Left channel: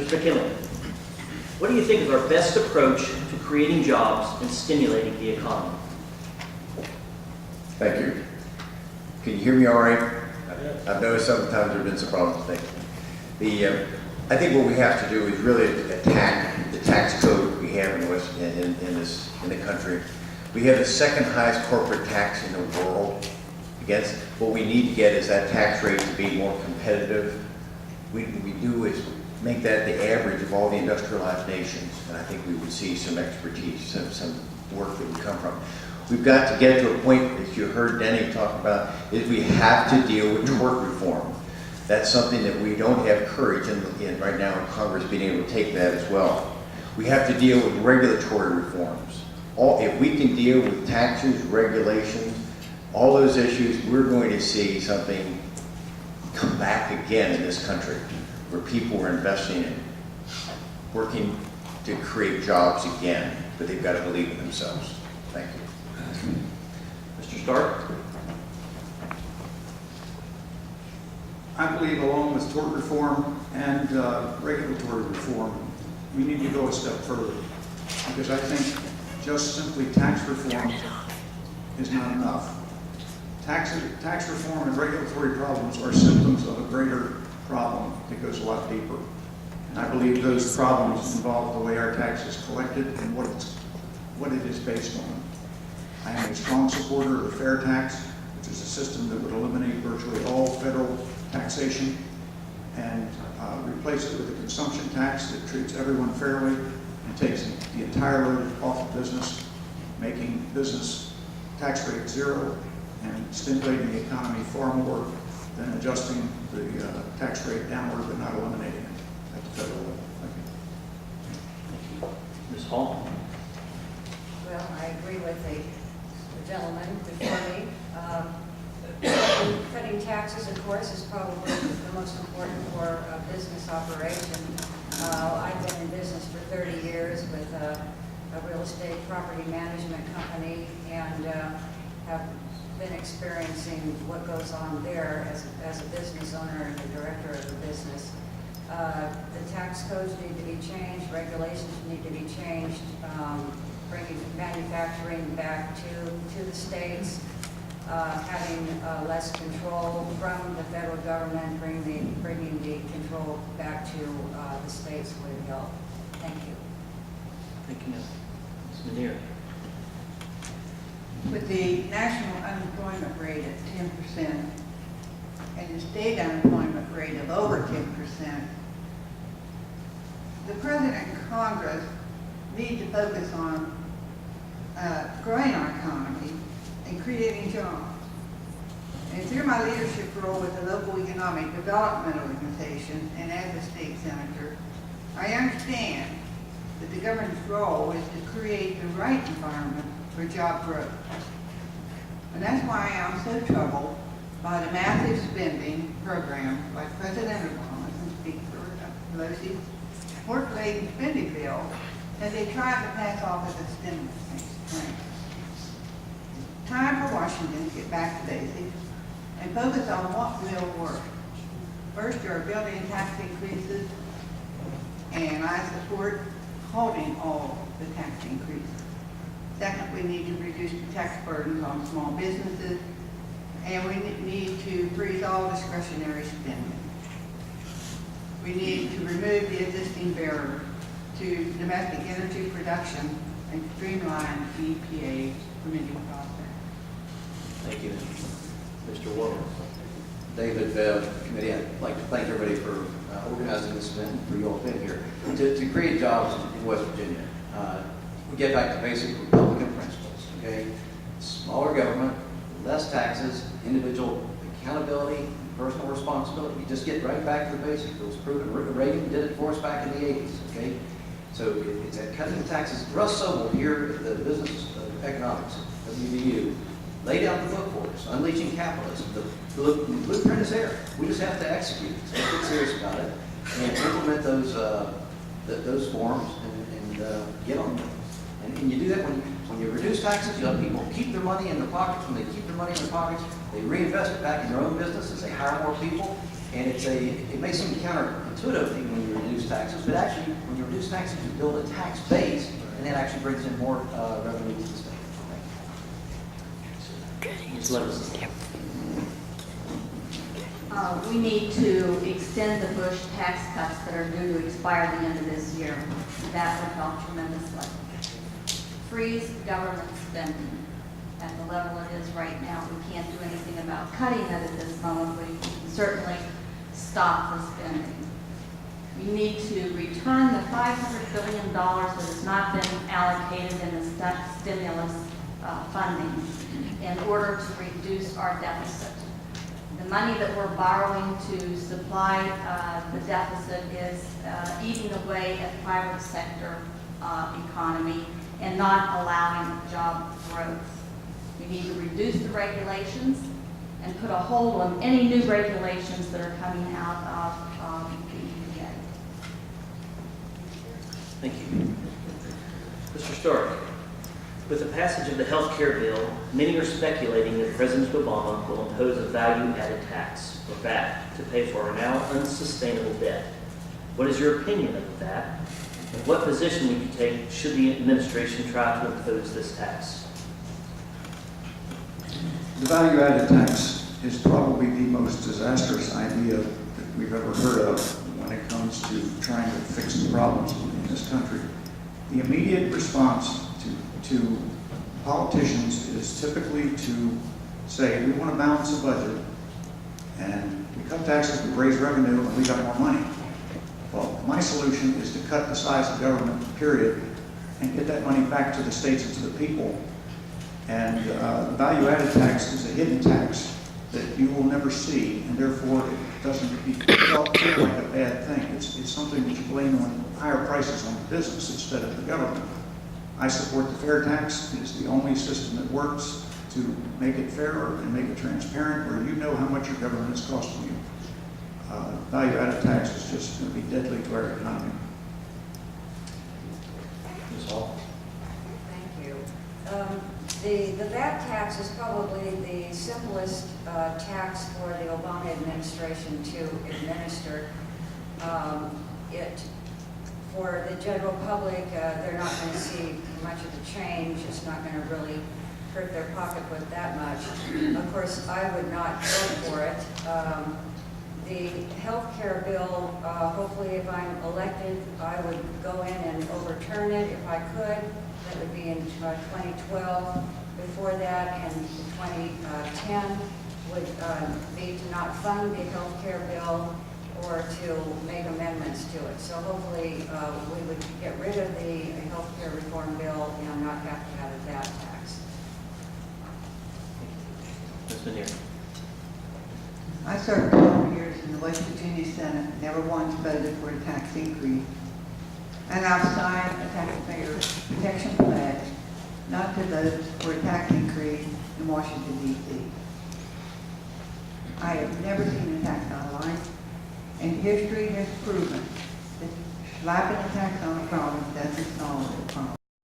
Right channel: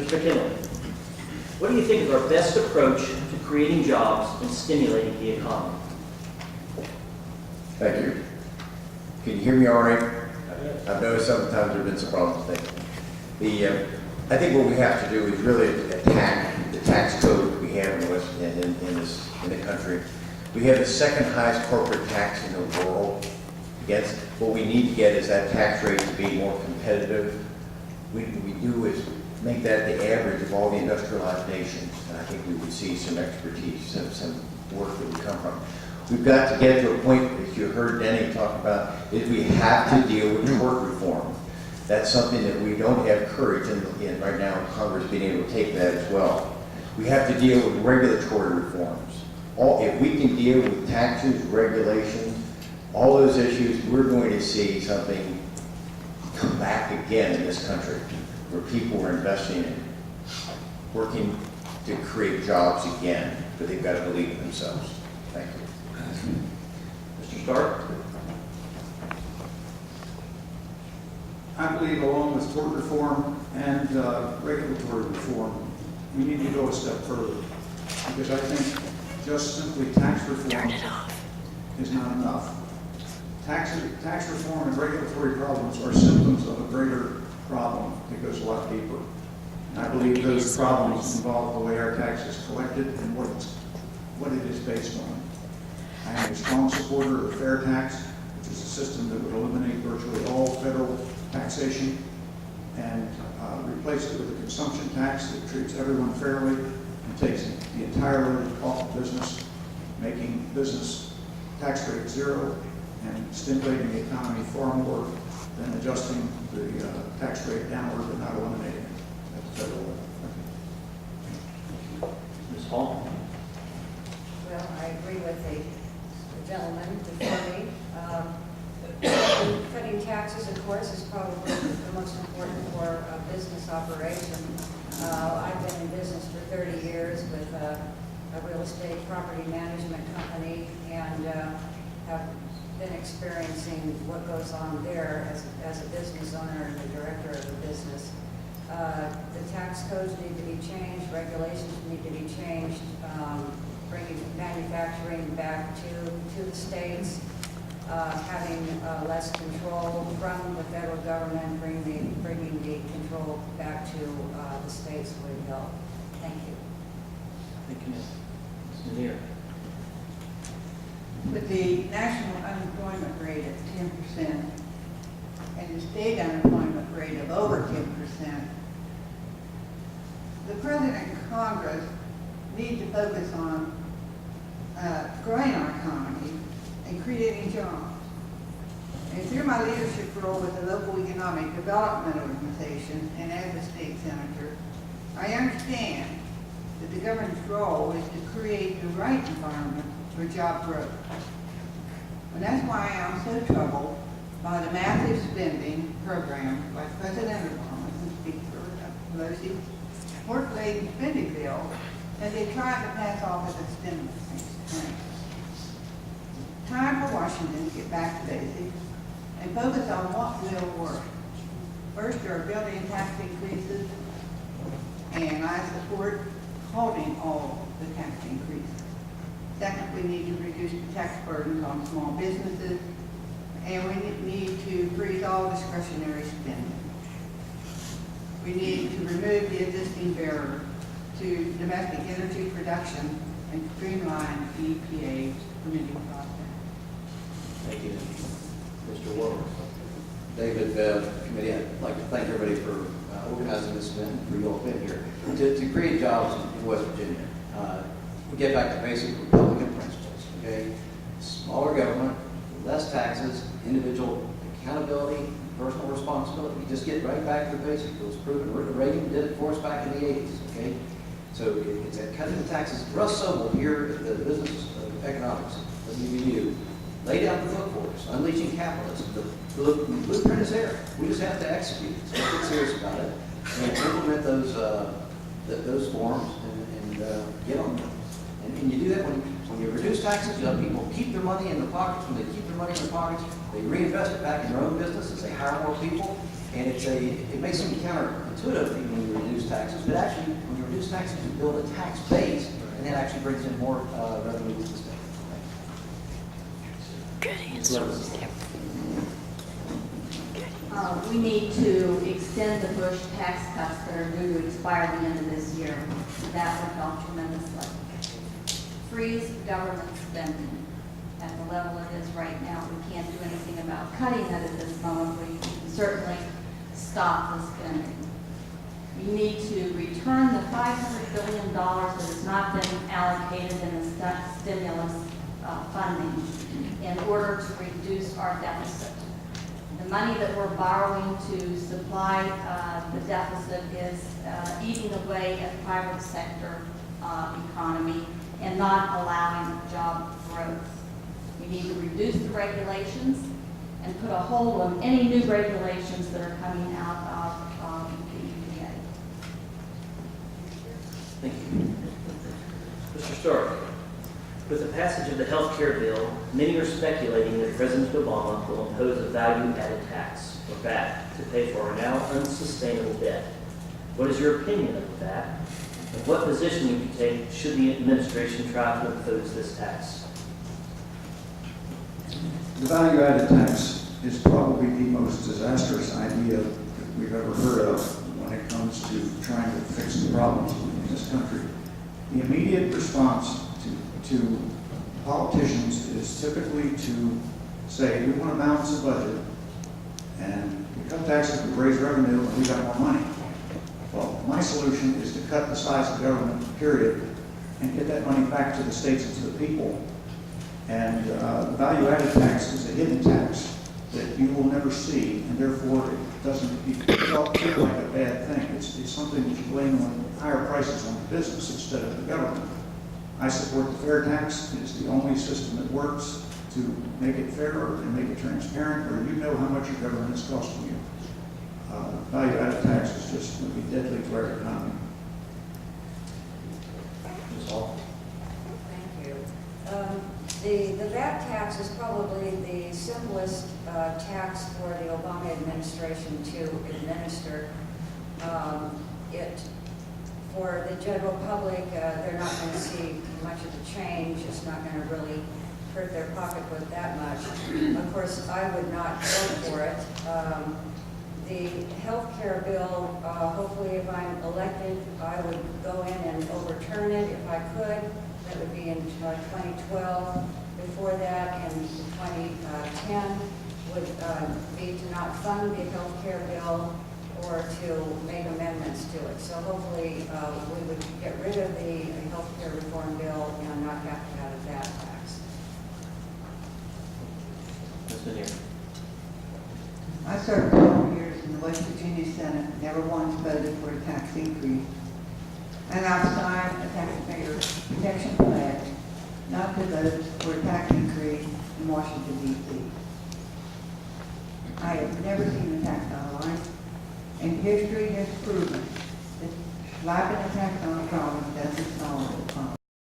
Mr. McKinley, what do you think is our best approach to creating jobs and stimulating the economy? Thank you. Can you hear me all right? I've noticed sometimes there have been some problems with things. I think what we have to do is really attack the tax code we have in the country. We have the second highest corporate tax in the world. Against what we need to get is that tax rate to be more competitive. What we do is make that the average of all the industrialized nations, and I think we would see some expertise, some work that would come from. We've got to get to a point, as you heard Denny talk about, is we have to deal with tort reform. That's something that we don't have courage in right now in Congress being able to take that as well. We have to deal with regulatory reforms. If we can deal with taxes, regulations, all those issues, we're going to see something come back again in this country where people are investing in, working to create jobs again, but they've got to believe in themselves. Thank you. Mr. Stark? I believe along with tort reform and regulatory reform, we need to go a step further. Because I think just simply tax reform is not enough. Tax reform and regulatory problems are symptoms of a greater problem that goes a lot deeper. And I believe those problems involve the way our tax is collected and what it is based on. I am a strong supporter of the fair tax, which is a system that would eliminate virtually all federal taxation and replace it with a consumption tax that treats everyone fairly and takes the entire load off of business, making business tax rate zero and stimulating the economy far more than adjusting the tax rate downward but not eliminating it at the federal level. Thank you. Ms. Hall? Well, I agree with the gentleman before me. Cutting taxes, of course, is probably the most important for a business operation. I've been in business for 30 years with a real estate property management company and have been experiencing what goes on there as a business owner and the director of the business. The tax codes need to be changed, regulations need to be changed, bringing manufacturing back to the states, having less control from the federal government, bringing the control back to the states would help. Thank you. Thank you, Ms. Lanier. With the national unemployment rate at 10% and the state unemployment rate of over 10%, the President and Congress need to focus on growing our economy and creating jobs. And through my leadership role with the local economic development organization and as a state senator, I understand that the government's role is to create the right environment for job growth. And that's why I'm so troubled by the massive spending program by President Obama and Speaker Pelosi work-laden spending bill that they tried to pass off as a stimulus plan. Time for Washington to get back to basics and focus on what will work. First, there are building tax increases, and I support holding all the tax increases. Second, we need to reduce the tax burdens on small businesses, and we need to freeze all discretionary spending. We need to remove the existing barrier to domestic energy production and streamline the EPA's permitting process. Thank you. Mr. Warner? David, committee, I'd like to thank everybody for organizing this event and for you all being here. To create jobs in West Virginia, we get back to basic Republican principles, okay? Smaller government, less taxes, individual accountability, personal responsibility. You just get right back to the basics. It was proven. Reagan did it for us back in the 80s, okay? So it's at cutting the taxes. Russ Sobel here at the Business of Economics, WVU, laid out the book for us, Unleashing Capitalism. The blueprint is there. We just have to execute it. So get serious about it and implement those forms and get on them. And you do that when you reduce taxes, you let people keep their money in their pockets. When they keep their money in their pockets, They reinvest it back in their own businesses, they hire more people, and it may seem counterintuitive even when you reduce taxes, but actually, when you reduce taxes, you build a tax base, and that actually brings in more revenue to the state. Ms. Levinson. We need to extend the Bush tax cuts that are due to expire at the end of this year. That would help tremendously. Freeze government spending at the level it is right now. We can't do anything about cutting it at this moment, but we can certainly stop the spending. We need to return the $500 billion that has not been allocated in the stimulus funding in order to reduce our deficit. The money that we're borrowing to supply the deficit is eating away at private sector economy and not allowing job growth. We need to reduce the regulations and put a hold on any new regulations that are coming out of the EPA. Thank you. Mr. Stark, with the passage of the health care bill, many are speculating that President Obama will impose a value-added tax, or VAT, to pay for our now unsustainable debt. What is your opinion of that? And what position would you take should the administration try to impose this tax? The value-added tax is probably the most disastrous idea that we've ever heard of when it comes to trying to fix the problems in this country. The immediate response to politicians is typically to say, we want to balance the budget, and we cut taxes, we raise revenue, and we got more money. Well, my solution is to cut the size of government, period, and get that money back to the states and to the people. And the value-added tax is a hidden tax that you will never see, and therefore it doesn't feel like a bad thing. It's something that you blame on higher prices on the business instead of the government. I support the fair tax. It's the only system that works to make it fair and make it transparent, where you know how much your government is costing you. Value-added tax is just going to be deadly to our economy. Ms. Hall? Thank you. The VAT tax is probably the simplest tax for the Obama administration to administer. For the general public, they're not going to see much of the change. It's not going to really hurt their pocketbook that much. Of course, I would not vote for it. The health care bill, hopefully if I'm elected, I would go in and overturn it if I could. That would be in 2012. Before that, in 2010, would be to not fund the health care bill or to make amendments to it. So hopefully we would get rid of the health care reform bill and not have to have a VAT tax. Ms. Lanier? I served 12 years in the West Virginia Senate, never once voted for a tax increase. And I've signed a taxpayer protection pledge not to vote for a tax increase in Washington, D.C. I have never seen a tax in my life, and history has proven that slapping a tax on a problem doesn't solve it.